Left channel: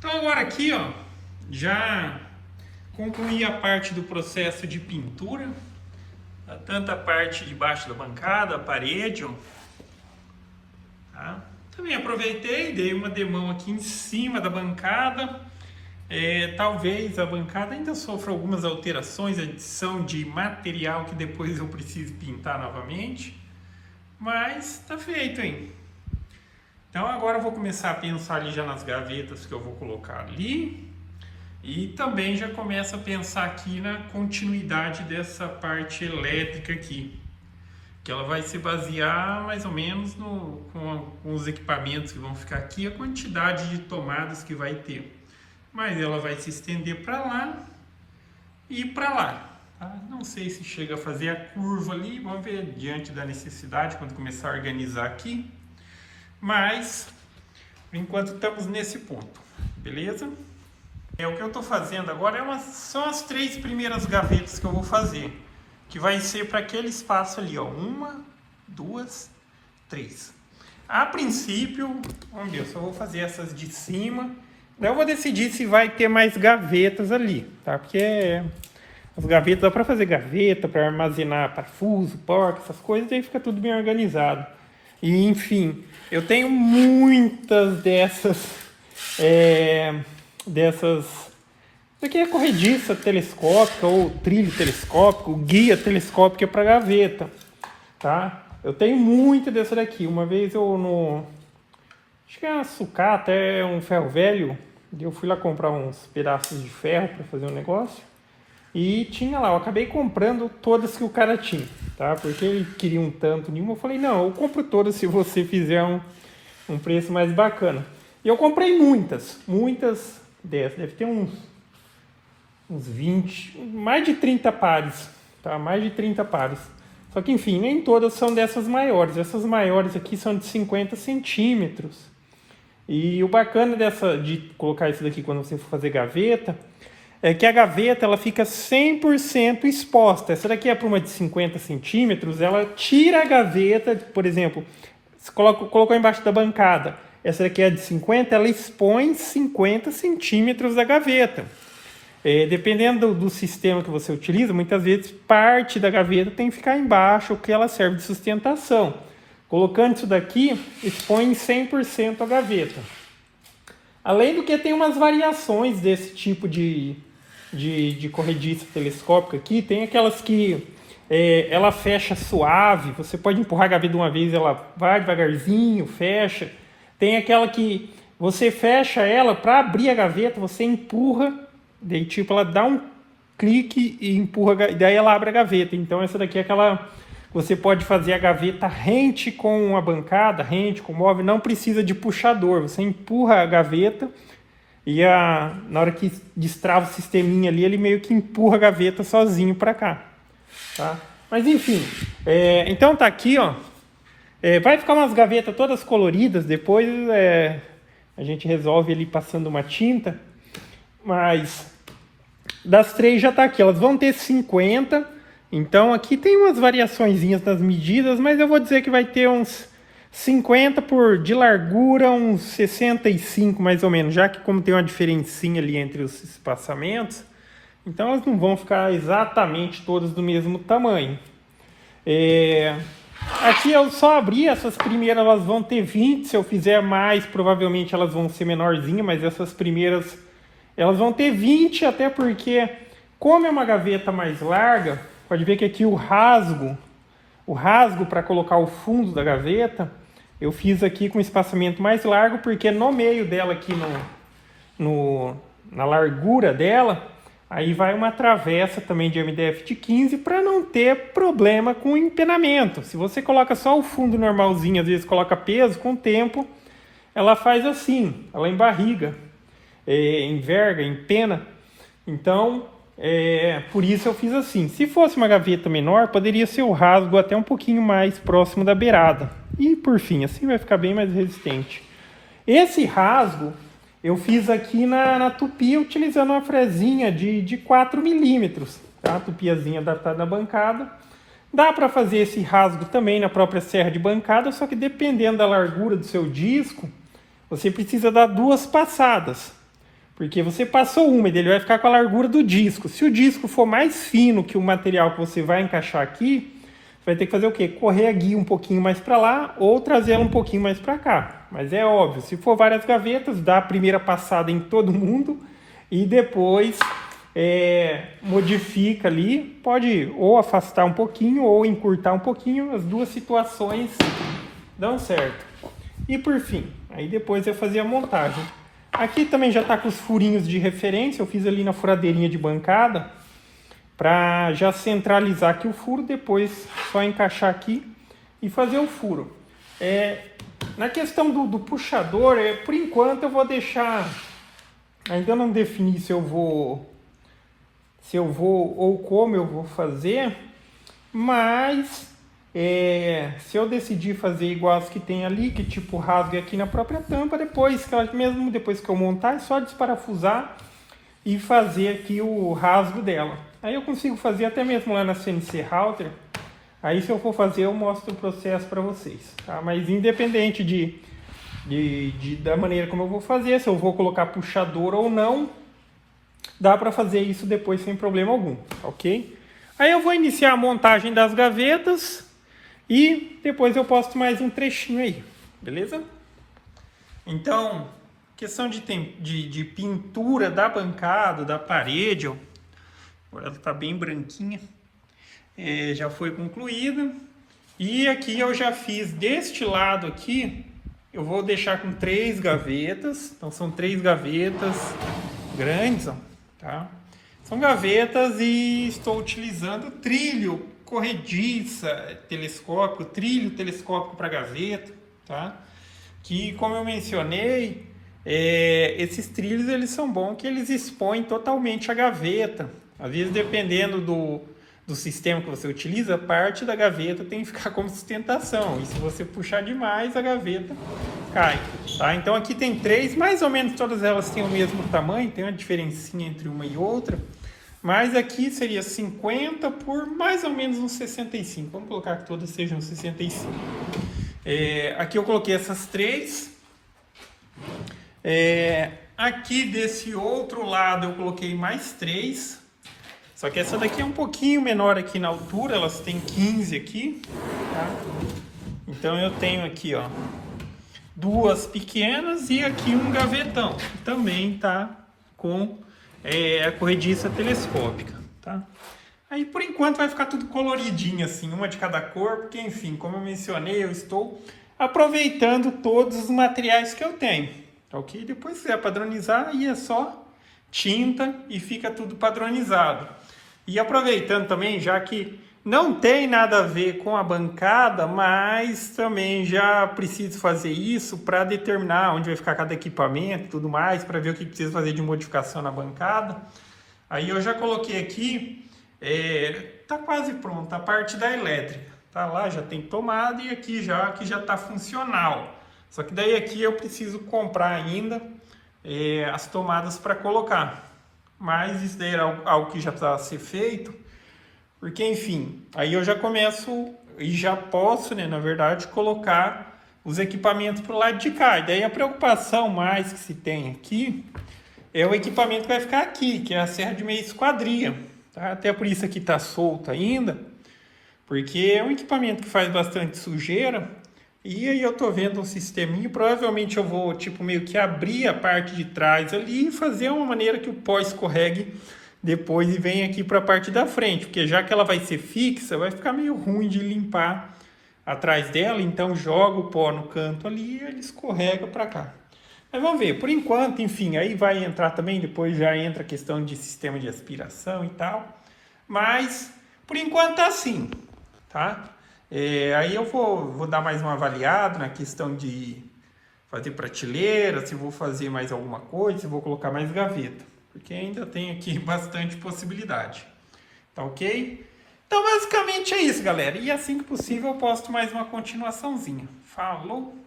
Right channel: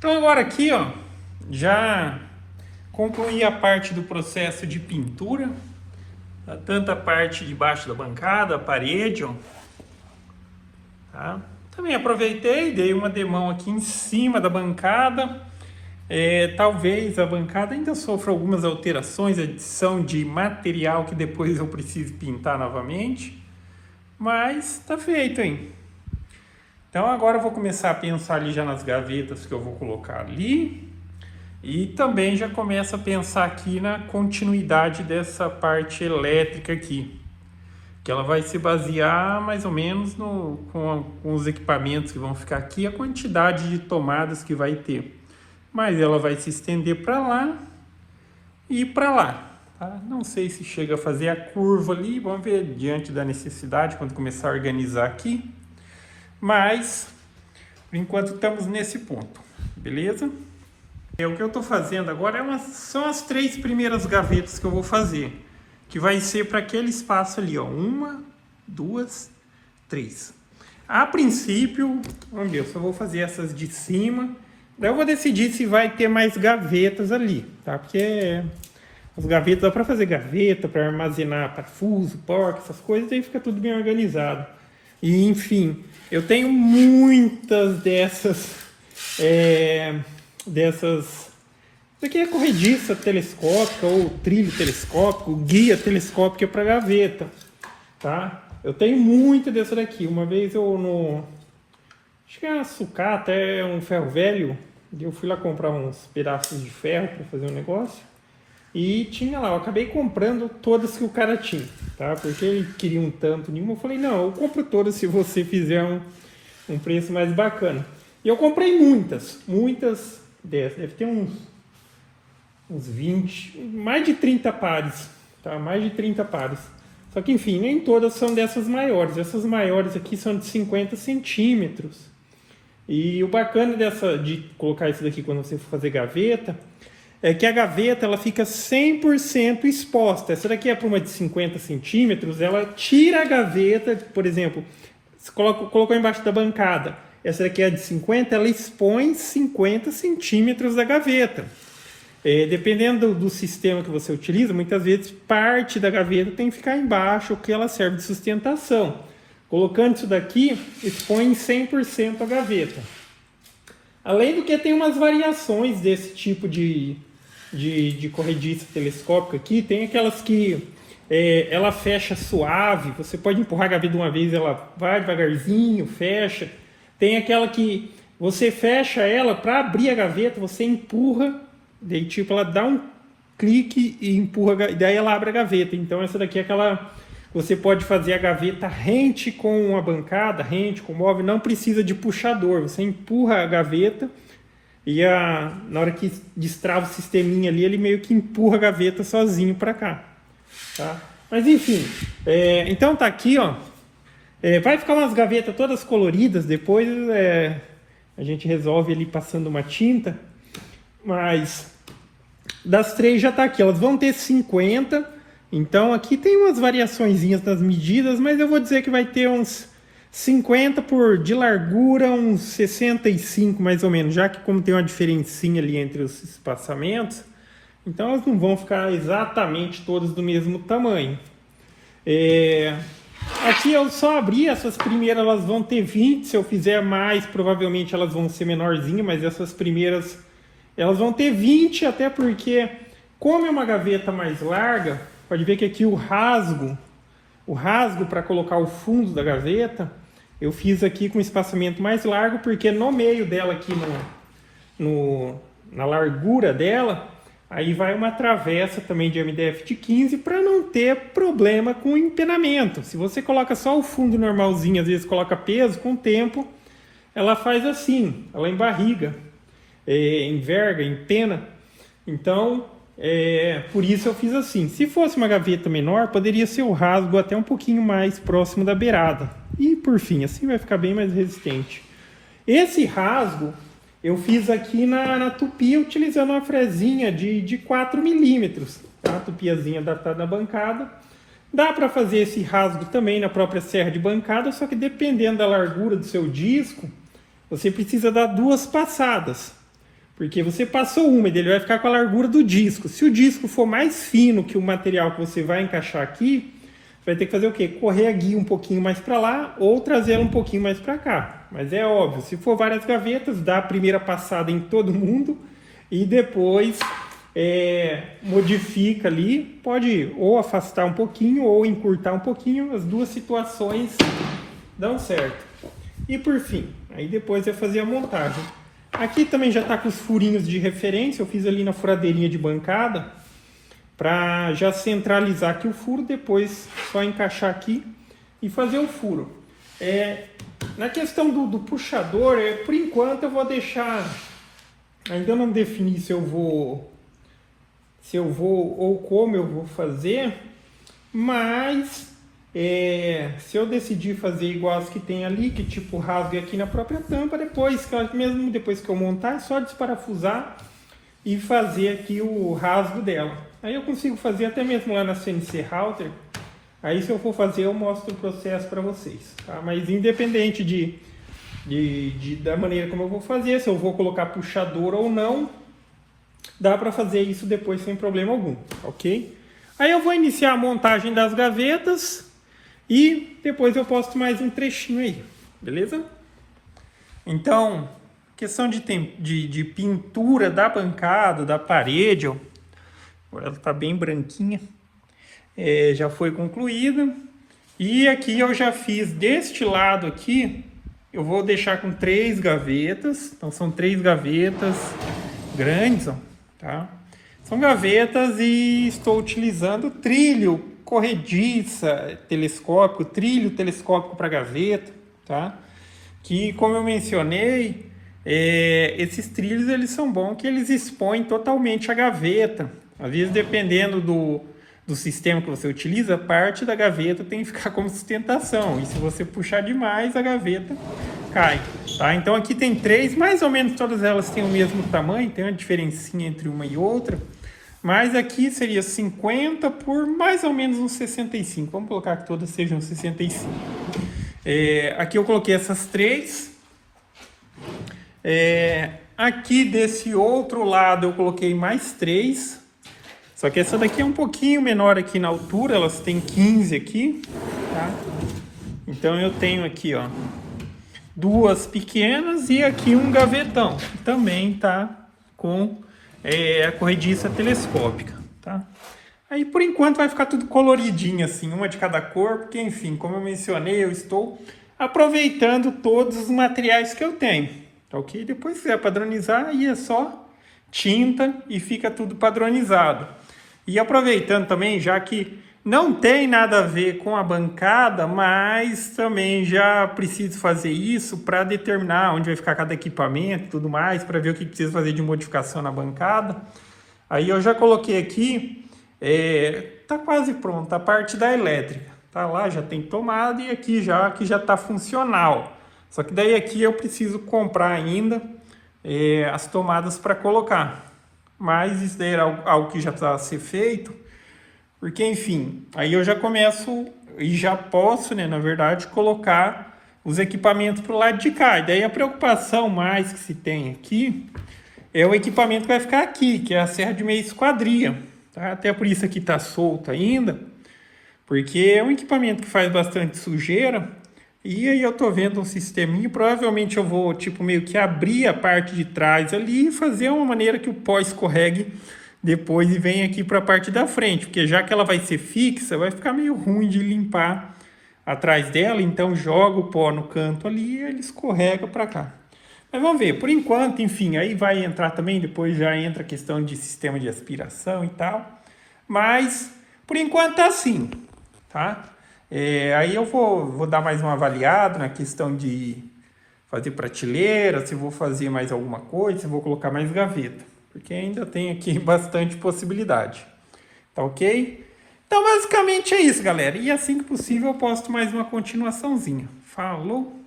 Então agora aqui, ó, já concluí a parte do processo de pintura, tanto a parte de baixo da bancada, a parede, ó, tá? Também aproveitei, dei uma demão aqui em cima da bancada. Talvez a bancada ainda sofra algumas alterações, adição de material que depois eu preciso pintar novamente, mas tá feito, hein? Então agora eu vou começar a pensar ali já nas gavetas que eu vou colocar ali. E também já começo a pensar aqui na continuidade dessa parte elétrica aqui. Que ela vai se basear mais ou menos com os equipamentos que vão ficar aqui, a quantidade de tomadas que vai ter. Mas ela vai se estender para lá e para lá. Tá? Não sei se chega a fazer a curva ali, vamos ver diante da necessidade quando começar a organizar aqui. Mas, por enquanto, estamos nesse ponto, beleza? O que eu estou fazendo agora são as 3 primeiras gavetas que eu vou fazer, que vai ser para aquele espaço ali, ó, 1, 2, 3. A princípio, vamos ver, eu só vou fazer essas de cima, daí eu vou decidir se vai ter mais gavetas ali, tá? Porque as gavetas dá para fazer gaveta, para armazenar parafuso, porca, essas coisas, aí fica tudo bem organizado. E, enfim, eu tenho muitas dessas, isso aqui é corrediça telescópica ou trilho telescópico, guia telescópica para gaveta, tá? Eu tenho muita dessa daqui. Uma vez acho que é uma sucata, é um ferro velho, eu fui lá comprar uns pedaços de ferro para fazer um negócio. E tinha lá, eu acabei comprando todas que o cara tinha, tá? Porque ele queria um tanto nenhuma. Eu falei, não, eu compro todas se você fizer um preço mais bacana. E eu comprei muitas dessas. Deve ter uns 20, mais de 30 pares, tá? Mais de 30 pares. Só que, enfim, nem todas são dessas maiores. Essas maiores aqui são de 50 centímetros. E o bacana de colocar isso daqui quando você for fazer gaveta é que a gaveta ela fica 100% exposta. Essa daqui é para uma de 50 centímetros, ela tira a gaveta, por exemplo, você colocou embaixo da bancada. Essa daqui é de 50, ela expõe 50 centímetros da gaveta. Dependendo do sistema que você utiliza, muitas vezes parte da gaveta tem que ficar embaixo, que ela serve de sustentação. Colocando isso daqui, expõe 100% a gaveta. Além do que tem umas variações desse tipo de corrediça telescópica aqui, tem aquelas que ela fecha suave, você pode empurrar a gaveta de uma vez, ela vai devagarzinho, fecha. Tem aquela que você fecha ela, para abrir a gaveta, você empurra, daí tipo ela dá um clique e empurra, daí ela abre a gaveta. Então essa daqui é aquela, você pode fazer a gaveta rente com a bancada, rente com o móvel, não precisa de puxador, você empurra a gaveta e na hora que destrava o sisteminha ali, ele meio que empurra a gaveta sozinho para cá, tá? Mas enfim, então tá aqui, ó. Vai ficar umas gavetas todas coloridas, depois a gente resolve ali passando uma tinta, mas das 3 já tá aqui, elas vão ter 50, então aqui tem umas variaçõezinhas nas medidas, mas eu vou dizer que vai ter uns 50 de largura, uns 65 mais ou menos, já que como tem uma diferencinha ali entre os espaçamentos, então elas não vão ficar exatamente todas do mesmo tamanho. Aqui eu só abri, essas primeiras elas vão ter 20, se eu fizer mais provavelmente elas vão ser menorzinhas, mas essas primeiras elas vão ter 20, até porque como é uma gaveta mais larga, pode ver que aqui o rasgo para colocar o fundo da gaveta, eu fiz aqui com espaçamento mais largo, porque no meio dela aqui, na largura dela, aí vai uma travessa também de MDF de 15 para não ter problema com o empenamento. Se você coloca só o fundo normalzinho, às vezes coloca peso, com o tempo ela faz assim, ela embarriga, enverga, empena. Então, por isso eu fiz assim. Se fosse uma gaveta menor, poderia ser o rasgo até um pouquinho mais próximo da beirada. E por fim, assim vai ficar bem mais resistente. Esse rasgo eu fiz aqui na tupi, utilizando uma fresinha de 4 milímetros. Tá? A tupiazinha adaptada na bancada. Dá para fazer esse rasgo também na própria serra de bancada, só que dependendo da largura do seu disco, você precisa dar 2 passadas. Porque você passou úmido, ele vai ficar com a largura do disco. Se o disco for mais fino que o material que você vai encaixar aqui, você vai ter que fazer o quê? Correr a guia um pouquinho mais para lá ou trazer ela um pouquinho mais para cá. Mas é óbvio, se for várias gavetas, dá a primeira passada em todo mundo e depois modifica ali. Pode ou afastar um pouquinho ou encurtar um pouquinho. As duas situações dão certo. E por fim, aí depois eu fazia a montagem. Aqui também já está com os furinhos de referência. Eu fiz ali na furadeirinha de bancada para já centralizar aqui o furo, depois só encaixar aqui e fazer o furo. Na questão do puxador, por enquanto eu vou deixar, ainda não defini se eu vou ou como eu vou fazer, mas se eu decidir fazer igual as que tem ali, que tipo rasgue aqui na própria tampa, mesmo depois que eu montar, é só desparafusar e fazer aqui o rasgo dela. Aí eu consigo fazer até mesmo lá na CNC Router. Aí se eu for fazer, eu mostro o processo para vocês, tá? Mas independente da maneira como eu vou fazer, se eu vou colocar puxador ou não, dá para fazer isso depois sem problema algum, ok? Aí eu vou iniciar a montagem das gavetas e depois eu posto mais um trechinho aí, beleza? Então, questão de pintura da bancada, da parede, ó. Ela está bem branquinha. Já foi concluída. E aqui eu já fiz deste lado aqui. Eu vou deixar com 3 gavetas. Então são 3 gavetas grandes, ó, tá? São gavetas e estou utilizando trilho corrediça telescópico, trilho telescópico para gaveta, tá? Que, como eu mencionei, esses trilhos eles são bons que eles expõem totalmente a gaveta. Às vezes, dependendo do sistema que você utiliza, parte da gaveta tem que ficar como sustentação. E se você puxar demais, a gaveta cai. Tá? Então aqui tem 3, mais ou menos todas elas têm o mesmo tamanho, tem uma diferencinha entre uma e outra. Mas aqui seria 50 por mais ou menos uns 65. Vamos colocar que todas sejam 65. Aqui eu coloquei essas 3. Aqui desse outro lado eu coloquei mais 3. Só que essa daqui é um pouquinho menor aqui na altura, elas têm 15 aqui, tá? Então eu tenho aqui, ó, 2 pequenas e aqui um gavetão. Também tá com a corrediça telescópica, tá? Aí por enquanto vai ficar tudo coloridinho assim, uma de cada cor, porque enfim, como eu mencionei, eu estou aproveitando todos os materiais que eu tenho, tá ok? Depois se quiser padronizar, aí é só tinta e fica tudo padronizado. E aproveitando também, já que não tem nada a ver com a bancada, mas também já preciso fazer isso para determinar onde vai ficar cada equipamento e tudo mais, para ver o que precisa fazer de modificação na bancada. Aí eu já coloquei aqui, tá quase pronta a parte da elétrica. Tá lá, já tem tomada e aqui já está funcional. Só que daí aqui eu preciso comprar ainda as tomadas para colocar. Mas isso daí era algo que já precisava ser feito, porque enfim, aí eu já começo e já posso, né, na verdade, colocar os equipamentos para o lado de cá. E daí a preocupação mais que se tem aqui é o equipamento que vai ficar aqui, que é a serra de meia esquadria, tá? Até por isso aqui está solta ainda, porque é um equipamento que faz bastante sujeira. E aí eu tô vendo um sisteminha, provavelmente eu vou tipo meio que abrir a parte de trás ali e fazer uma maneira que o pó escorregue depois e venha aqui para a parte da frente, porque já que ela vai ser fixa, vai ficar meio ruim de limpar atrás dela, então joga o pó no canto ali e ele escorrega para cá. Mas vamos ver, por enquanto, enfim, aí vai entrar também, depois já entra a questão de sistema de aspiração e tal, mas por enquanto tá assim, tá? Aí eu vou dar mais uma avaliada na questão de fazer prateleira, se vou fazer mais alguma coisa, se vou colocar mais gaveta, porque ainda tem aqui bastante possibilidade, tá ok? Então basicamente é isso, galera, e assim que possível eu posto mais uma continuaçãozinha. Falou!